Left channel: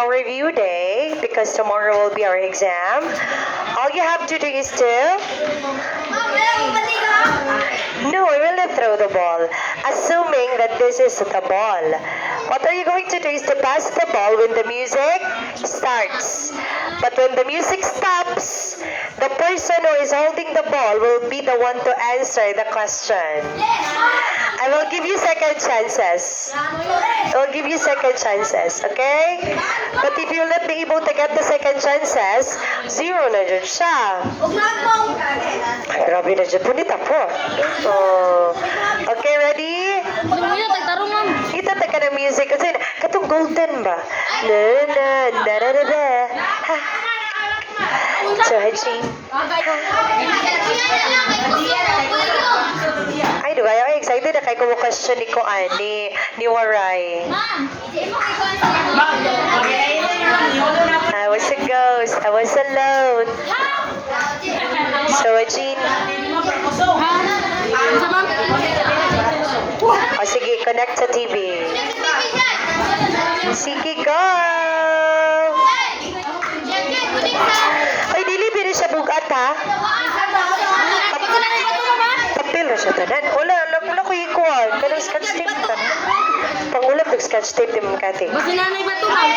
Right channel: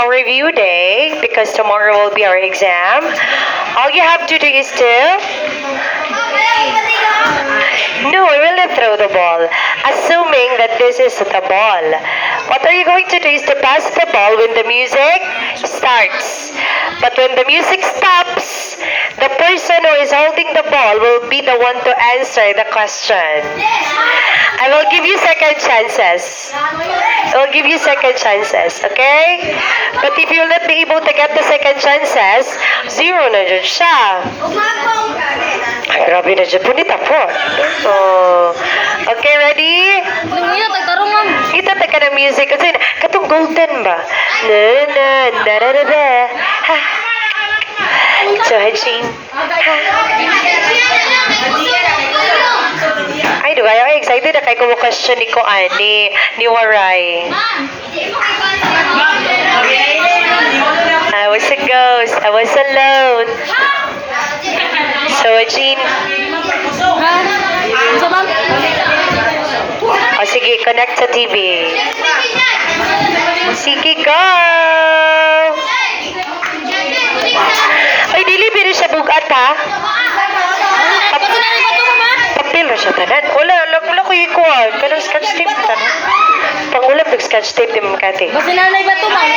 our review day because tomorrow will be our exam. All you have to do is to... No, I will not throw the ball. Assuming that this is the ball. What are you going to do is to pass the ball when the music starts. But when the music stops, the person who is holding the ball will be the one to answer the question. I will give you second chances. I will give you second chances, okay? But if you will not be able to get the second chances, zero na dyan siya. Ay, grabe na dyan po ni Tapot. Oh. Okay, ready? Kita ka ng music. Kasi katong golden ba? Na na na na na na. Ha. So, Hajin. Ha. Ay, diba? Ay, excited na kayo question ni Koan, ni Waray. I was a ghost. I was alone. So, Jean. O, sige, connect sa TV. Sige, go! Ay, dili, pero siya bugat, ha? Papel na siya tanan. Wala ko ikuha. Kanang scotch tape ka na. Pangulam nag-scotch tape din mga kati. Basta nanay ba ito, ma'am?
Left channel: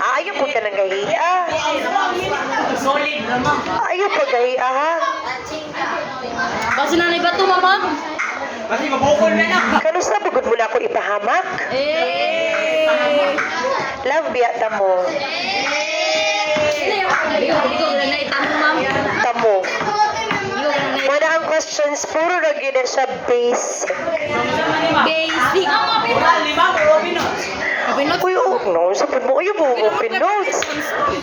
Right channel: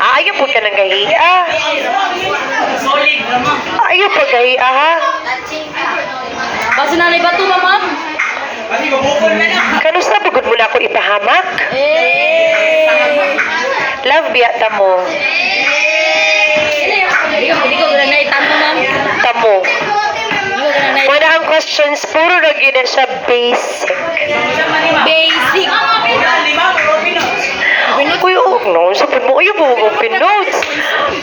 Ayaw po ka ng gahiya. Ayaw po gahiya, ha? Basta nanay ba ito, ma'am? Kanus na bugod mo na ako ipahamak? Love biyata mo. Hindi ko na itamo, ma'am. Tamo. Wala ang questions, puro na gina siya basic. Basic. Uy, no, sapin mo, ayaw mo open notes.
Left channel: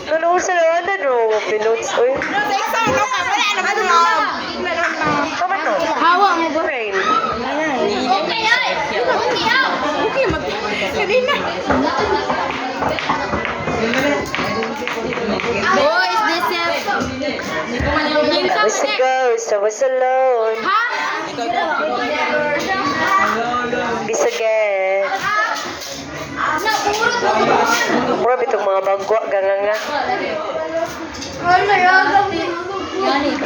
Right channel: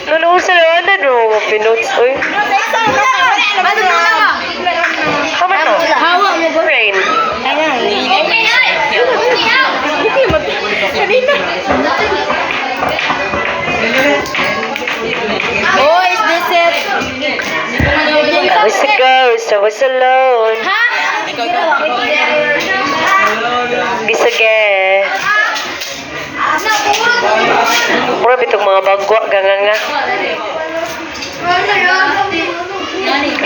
Nanoon sa lawanan, no, open notes, uy. Tama no? Hawa mo ba? Rain. Oh, is this it? I was a ghost, I was alone. Ha? Bisage. Mura bitong mga bagwa, ganganga.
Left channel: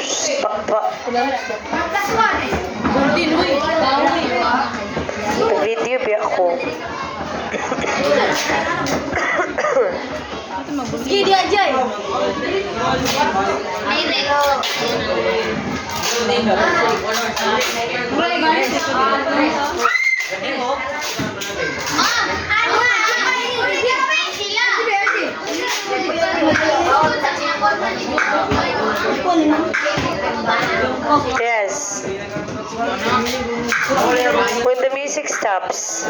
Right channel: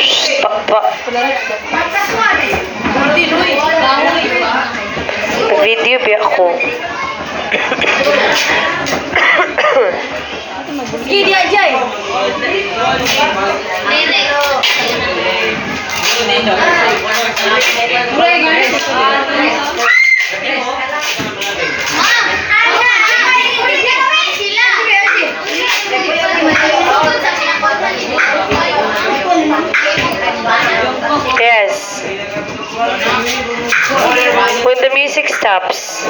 Shhh, pa. Video ba ako? Sige, aja eh. Yes. When the music stops.